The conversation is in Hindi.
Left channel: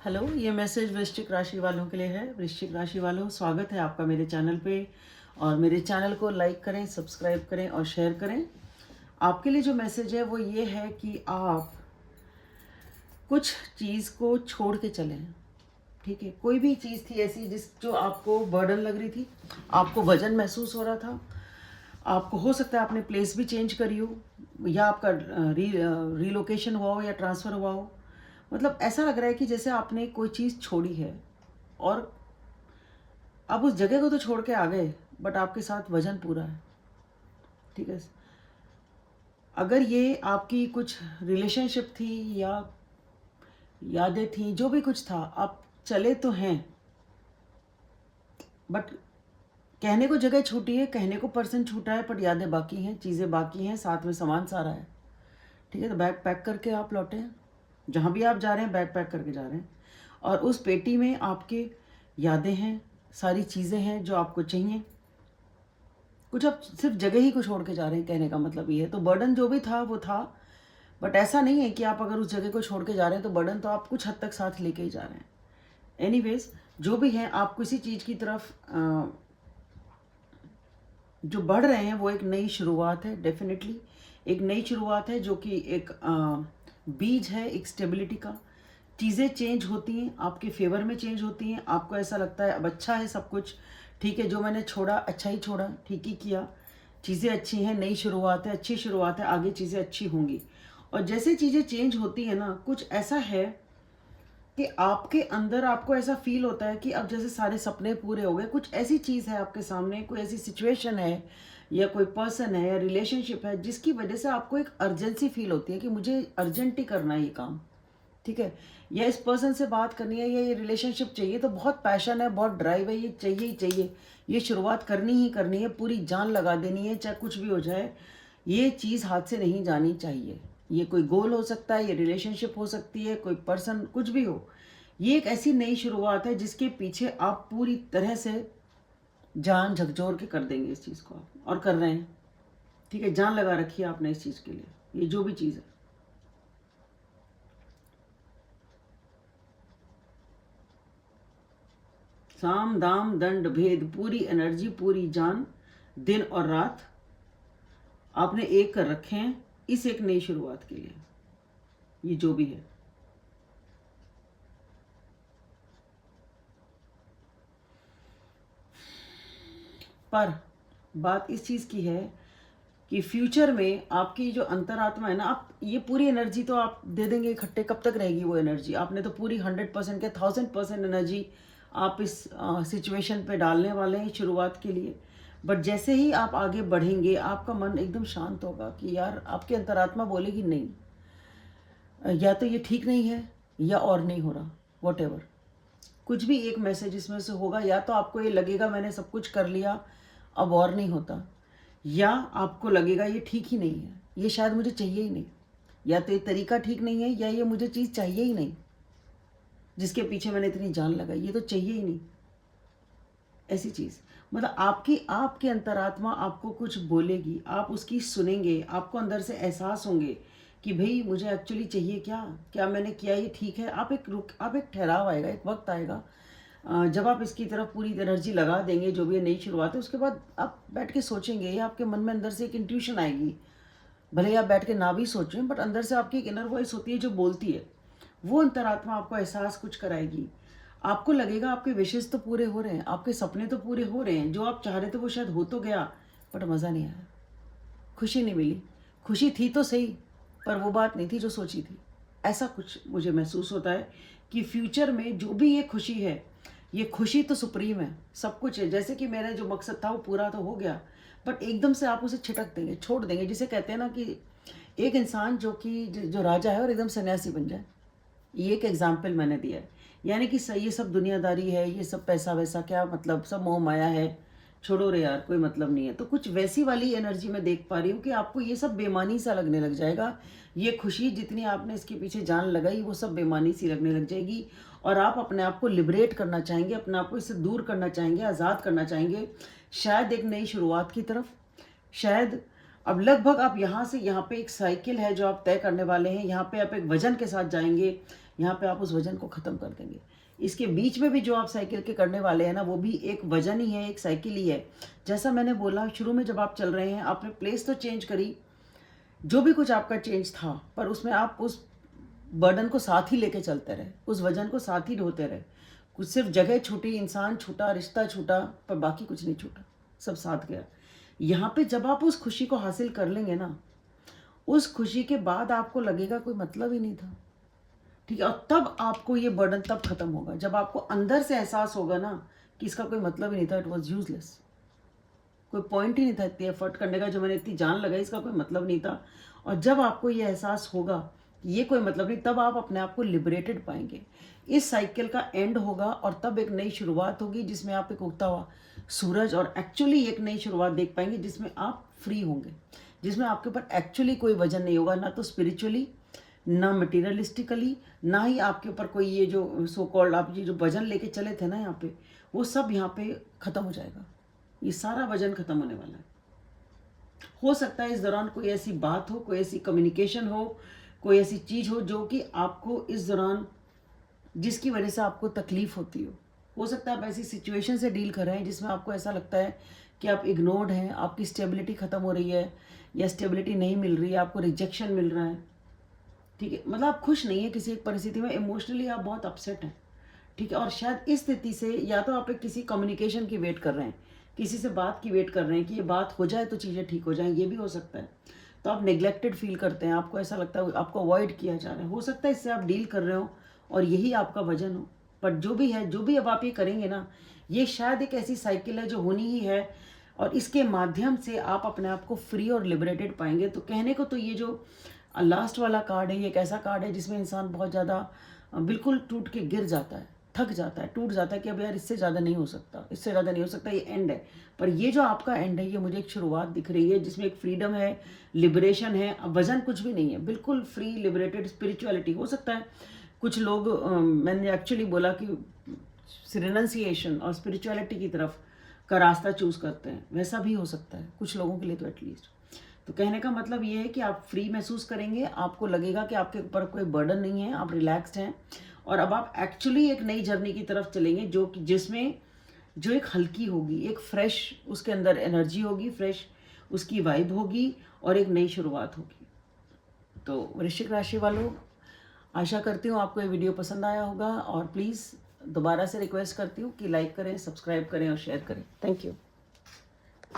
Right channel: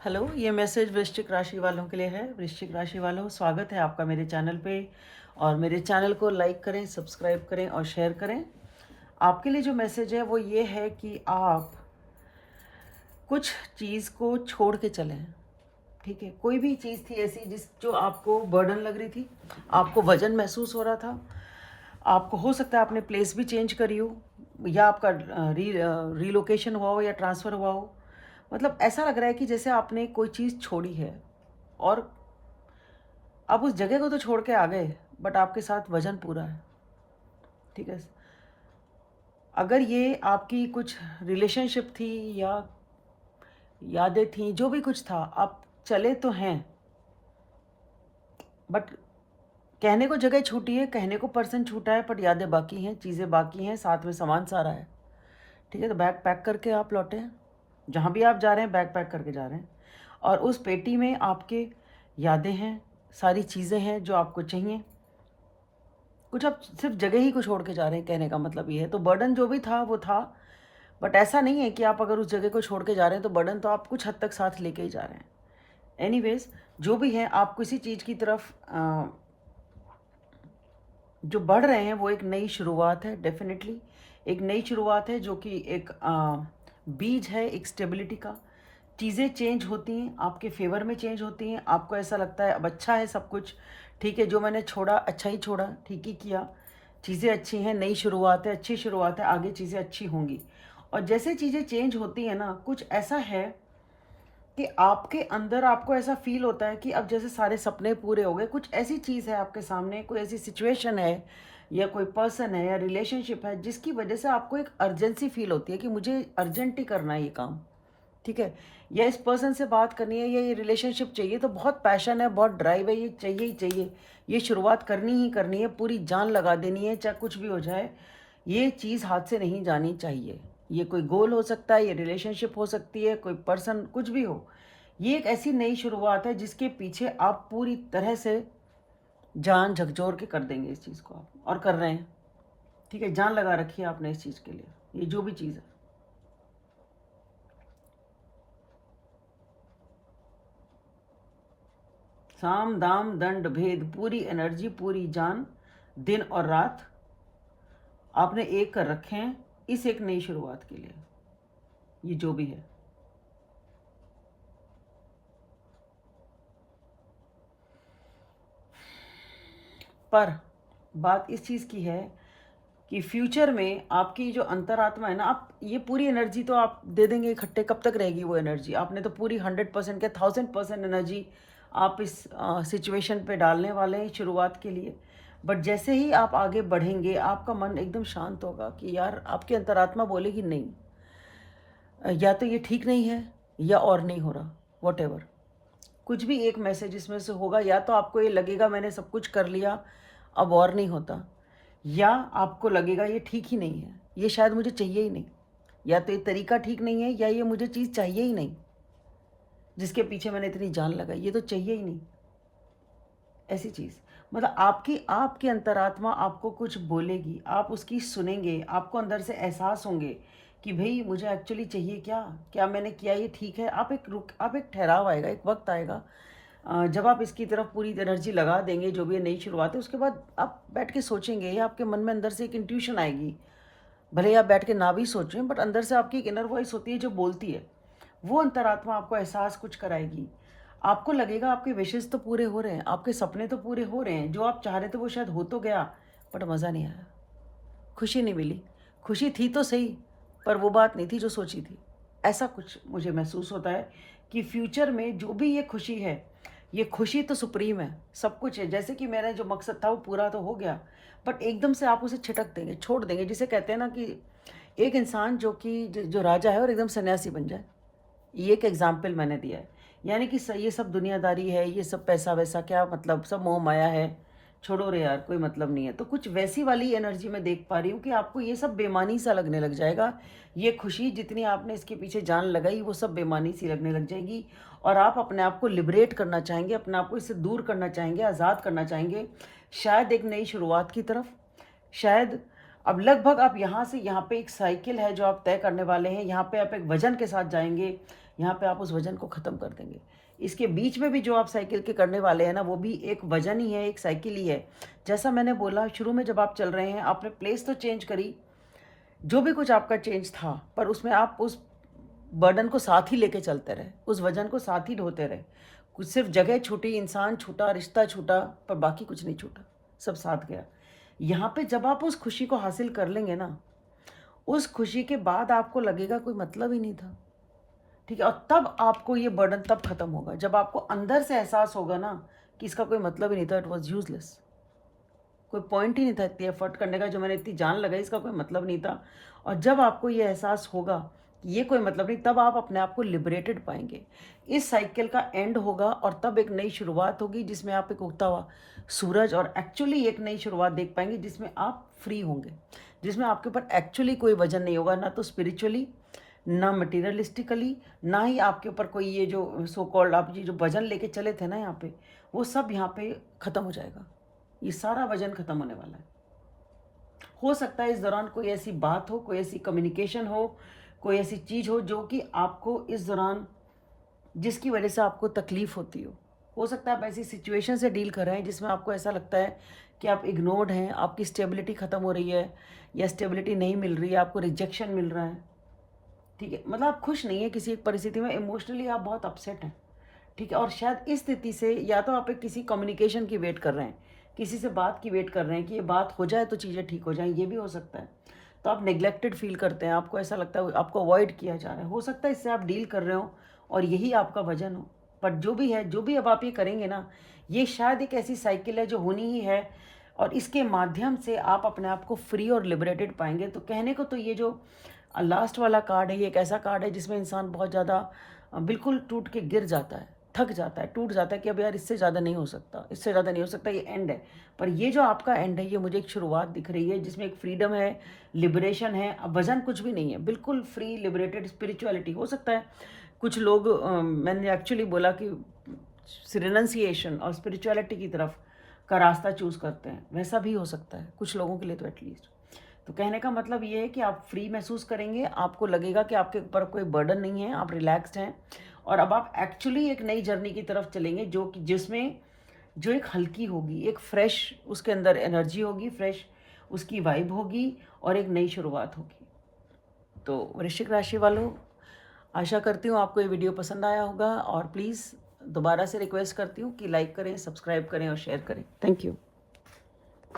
हेलो, ये मैसेज वृश्चिक राशि वालों के लिए है। वृश्चिक राशि वालों, स्वागत है आपका मेरे चैनल पे। और मेरे चैनल को लाइक करें, सब्सक्राइब करें और शेयर करें। आपके लिए जो मैसेज है वो ये है कि आप कुछ चीज़ को छोड़ के चलें। ठीक है, कोई भी चीज़ थी ऐसी जो आपको बर्डन लग रही थी, आपको वजन महसूस हो रहा था, आपको हो सकता है आपने प्लेस भी चेंज करी हो, या आपका रीलोकेशन हुआ हो या ट्रांसफ़र हुआ हो। मतलब ऐसा लग रहा है कि जैसे आपने कोई चीज़ छोड़ी है और आप उस जगह को तो छोड़ के आ गए, बट आपके साथ वजन पूरा है। ठीक है, अगर ये आपकी कुछ रिलेशनशिप थी या यादें थी, जो भी कुछ था, आप चले तो हैं, बट कहने को जगह छूटी है, कहने को पर्सन छूटा है, पर यादें बाकी हैं, चीज़ें बाकी हैं, साथ में सामान सारा है। ठीक है, तो बैग पैक करके आप लौटे। जहाँ भी आप जा रहे हैं बैग पैक करके जा रहे हैं, और उस पेटी में आपके यादें हैं, सारी चीज़ें हैं जो आपको चाहिए। कुछ आप सिर्फ जगह ही को छोड़ के जा रहे हैं, कहने का मतलब ये है। तो बर्डन जो भी था वो था, बट ऐसा नहीं है कि आप अगर उस जगह को छोड़ के जा रहे हैं तो बर्डन तो आप कुछ हद तक साथ लेके ही जा रहे हैं। एनीवेज, जो भी है, आप किसी चीज़ की तरफ जो बढ़ रहे हैं वो एक नई शुरुआत है। डेफिनेटली एक नई शुरुआत है, जो कि एक बीज है एक स्टेबिलिटी का। चीज़ें चेंज होती हैं, आपके फेवर में चेंज होती हैं। आपको ऐसा लगता है अब अच्छा है सब कुछ, ठीक है, जो मैंने छोड़ा अच्छा ही छोड़ा, ठीक ही किया, चीज़ें अच्छी हैं, नई शुरुआत है, अच्छी शुरुआत है, आगे चीज़ें अच्छी होंगी। और जैसे चीज़ें चेंज होती हैं ना, कुछ ऐसा है कि आपके अंदर आपको ऐसा फील होता है कि अब जैसे सारे सपने पूरे हो गए। कुछ ऐसी चीज़ है आपके सामने, कोई ऐसी सिचुएशन है या कोई पर्सन है या रिलेशनशिप है, जिसकी वजह से आपको एक अर्जेंसी फील होती है कि मुझे अर्जेंट ही करना है ये काम। ठीक है, या इस पर्सन से बात करनी है या ये रिलेशनशिप चाहिए, तो बहुत पैशन है, बहुत ड्राइव है, ये चाहिए ही चाहिए, ये शुरुआत करनी ही करनी है, पूरी जान लगा देनी है, चाहे कुछ भी हो जाए, ये चीज़ हाथ से नहीं जानी चाहिए। ये कोई गोल हो सकता है, ये रिलेशनशिप हो सकती है, कोई पर्सन, कुछ भी हो। ये एक ऐसी नई शुरुआत है जिसके पीछे आप पूरी तरह से जान झकझोर के कर देंगे इस चीज़ को आप, और कर रहे हैं। ठीक है, जान लगा रखी है आपने इस चीज़ के लिए, ये जो भी चीज़ है। साम दाम दंड भेद, पूरी एनर्जी, पूरी जान, दिन और रात आपने एक कर रखे हैं इस एक नई शुरुआत के लिए, ये जो भी है। पर बात इस चीज़ की है कि फ्यूचर में आपकी जो अंतरात्मा है ना, आप ये पूरी एनर्जी तो आप दे देंगे इकट्ठे, कब तक रहेगी वो एनर्जी? आपने तो पूरी 100% के 1000% एनर्जी आप इस सिचुएशन पे डालने वाले हैं शुरुआत के लिए। बट जैसे ही आप आगे बढ़ेंगे, आपका मन एकदम शांत होगा कि यार, आपकी अंतरात्मा बोलेगी नहीं, या तो ये ठीक नहीं है या और नहीं हो रहा, वॉट एवर, कुछ भी एक मैसेज इसमें से होगा। या तो आपको ये लगेगा मैंने सब कुछ कर लिया, अब और नहीं होता, या आपको लगेगा ये ठीक ही नहीं है, ये शायद मुझे चाहिए ही नहीं, या तो ये तरीका ठीक नहीं है, या ये मुझे चीज़ चाहिए ही नहीं, जिसके पीछे मैंने इतनी जान लगाई, ये तो चाहिए ही नहीं। ऐसी चीज़, मतलब आपकी आपकी अंतरात्मा आपको कुछ बोलेगी, आप उसकी सुनेंगे, आपको अंदर से एहसास होंगे कि भाई मुझे एक्चुअली चाहिए क्या, क्या मैंने किया ये ठीक है। आप एक ठहराव आएगा, एक वक्त आएगा, जब आप इसकी तरफ पूरी एनर्जी लगा देंगे, जो भी ये नई शुरुआत है, उसके बाद आप बैठ के सोचेंगे, या आपके मन में अंदर से एक इंट्यूशन आएगी। भले आप बैठ के ना भी सोचें, बट अंदर से आपकी एक इनर वॉइस होती है जो बोलती है। वो अंतरात्मा आपको एहसास कुछ कराएगी। आपको लगेगा आपके विशेष तो पूरे हो रहे हैं, आपके सपने तो पूरे हो रहे हैं, जो आप चाह रहे थे वो शायद हो तो गया, बट मज़ा नहीं आया, खुशी नहीं मिली। खुशी थी तो सही, पर वो बात नहीं थी जो सोची थी। ऐसा कुछ मुझे महसूस होता है कि फ्यूचर में जो भी ये खुशी है, ये खुशी तो सुप्रीम है, सब कुछ है। जैसे कि मेरा जो मकसद था वो पूरा तो हो गया, बट एकदम से आप उसे छिटक देंगे, छोड़ देंगे। जिसे कहते हैं ना कि एक इंसान जो राजा है और एकदम सन्यासी बन जाए, ये एक एग्जाम्पल मैंने दिया है। यानी कि ये सब दुनियादारी है, ये सब पैसा वैसा क्या मतलब, सब मोह माया है, छोड़ो रे यार, कोई मतलब नहीं है। तो कुछ वैसी वाली एनर्जी मैं देख पा रही हूँ कि आपको ये सब बेमानी सा लगने लग जाएगा। ये खुशी जितनी आपने इसके पीछे जान लगाई, वो सब बेमानी सी लगने लग जाएगी, और आप अपने आप को लिबरेट करना चाहेंगे, अपने आप को इससे दूर करना चाहेंगे, आज़ाद करना चाहेंगे, शायद एक नई शुरुआत की तरफ, शायद अब लगभग आप यहाँ से यहाँ पे एक साइकिल है जो आप तय करने वाले हैं। यहाँ पे आप एक वजन के साथ जाएंगे, यहाँ पे आप उस वजन को ख़त्म कर देंगे। इसके बीच में भी जो आप साइकिल के करने वाले हैं ना, वो भी एक वजन ही है, एक साइकिल ही है। जैसा मैंने बोला शुरू में, जब आप चल रहे हैं आपने प्लेस तो चेंज करी, जो भी कुछ आपका चेंज था, पर उसमें आप उस बर्डन को साथ ही लेके चलते रहे, उस वजन को साथ ही ढोते रहे। कुछ सिर्फ जगह छूटी, इंसान छूटा, रिश्ता छूटा, पर बाकी कुछ नहीं छूटा, सब साथ गया। यहाँ पे जब आप उस खुशी को हासिल कर लेंगे ना, उस खुशी के बाद आपको लगेगा कोई मतलब ही नहीं था, ठीक है। और तब आपको ये बर्डन तब खत्म होगा जब आपको अंदर से एहसास होगा ना कि इसका कोई मतलब ही नहीं था, इट वॉज यूजलेस, कोई पॉइंट ही नहीं था इतनी एफर्ट करने का, जो मैंने इतनी जान लगाई इसका कोई मतलब नहीं था। और जब आपको ये एहसास होगा कि ये कोई मतलब नहीं, तब आप अपने आप को लिबरेटेड पाएंगे। इस साइकिल का एंड होगा और तब एक नई शुरुआत होगी, जिसमें आप एक उगता हुआ सूरज और एक्चुअली एक नई शुरुआत देख पाएंगे, जिसमें आप फ्री होंगे, जिसमें आपके ऊपर एक्चुअली कोई वजन नहीं होगा, ना तो स्पिरिचुअली, ना मटीरियलिस्टिकली, ना ही आपके ऊपर कोई ये जो सो कॉल्ड आप ये जो वजन लेके चले थे ना यहाँ पे, वो सब यहाँ पे ख़त्म हो जाएगा। ये सारा वजन खत्म होने वाला है। हो सकता है इस दौरान कोई ऐसी बात हो, कोई ऐसी कम्युनिकेशन हो, कोई ऐसी चीज़ हो जो कि आपको इस दौरान, जिसकी वजह से आपको तकलीफ होती हो सकता है आप ऐसी सिचुएशन से डील कर रहे हैं जिसमें आपको ऐसा लगता है कि आप इग्नोर्ड हैं, आपकी स्टेबिलिटी ख़त्म हो रही है या स्टेबिलिटी नहीं मिल रही है, आपको रिजेक्शन मिल रहा है, ठीक है। मतलब आप खुश नहीं है किसी एक परिस्थिति में, इमोशनली आप बहुत अपसेट हैं, ठीक है। और शायद इस स्थिति से या तो आप एक किसी कम्युनिकेशन की वेट कर रहे हैं, किसी से बात की वेट कर रहे हैं कि ये बात हो जाए तो चीज़ें ठीक हो जाएं, ये भी हो सकता है। तो आप नेग्लेक्टेड फील करते हैं, आपको ऐसा लगता है आपको अवॉइड किया जा रहा है, हो सकता है इससे आप डील कर रहे हो और यही आपका वजन हो। पर जो भी है, जो भी अब आप ये करेंगे ना, ये शायद एक ऐसी साइकिल है जो होनी ही है, और इसके माध्यम से आप अपने आप को फ्री और लिबरेटेड पाएंगे। तो कहने को तो ये जो लास्ट वाला कार्ड है, ये एक ऐसा कार्ड है जिसमें इंसान बहुत ज़्यादा बिल्कुल टूट के गिर जाता है, थक जाता है, टूट जाता है कि अब यार इससे ज़्यादा नहीं हो सकता, इससे ज़्यादा नहीं हो सकता, ये एंड है। पर ये जो आपका एंड है, ये मुझे एक शुरुआत दिख रही है जिसमें एक फ्रीडम है, लिबरेशन है, अब वजन कुछ भी नहीं है, बिल्कुल फ्री, लिबरेटेड स्पिरिचुअलिटी। हो सकता है कुछ लोग मैंने एक्चुअली बोला कि रिनंसिएशन और स्पिरिचुअलिटी की तरफ का रास्ता चूज करते हैं, वैसा भी हो सकता है कुछ लोगों के लिए तो एटलीस्ट। तो कहने का मतलब ये है कि आप फ्री महसूस करेंगे, आपको लगेगा कि आपके ऊपर कोई बर्डन नहीं है, आप रिलैक्स्ड हैं, और अब आप एक्चुअली एक नई जर्नी की तरफ चलेंगे जो कि जिसमें जो एक हल्की होगी, एक फ्रेश उसके अंदर एनर्जी होगी, फ्रेश उसकी वाइब होगी और एक नई शुरुआत होगी। तो वृश्चिक राशि वालों, आशा करती हूँ आपको ये वीडियो पसंद आया होगा, और प्लीज़ दोबारा से रिक्वेस्ट करती हूँ कि लाइक करें, सब्सक्राइब करें और शेयर करें। Thank you.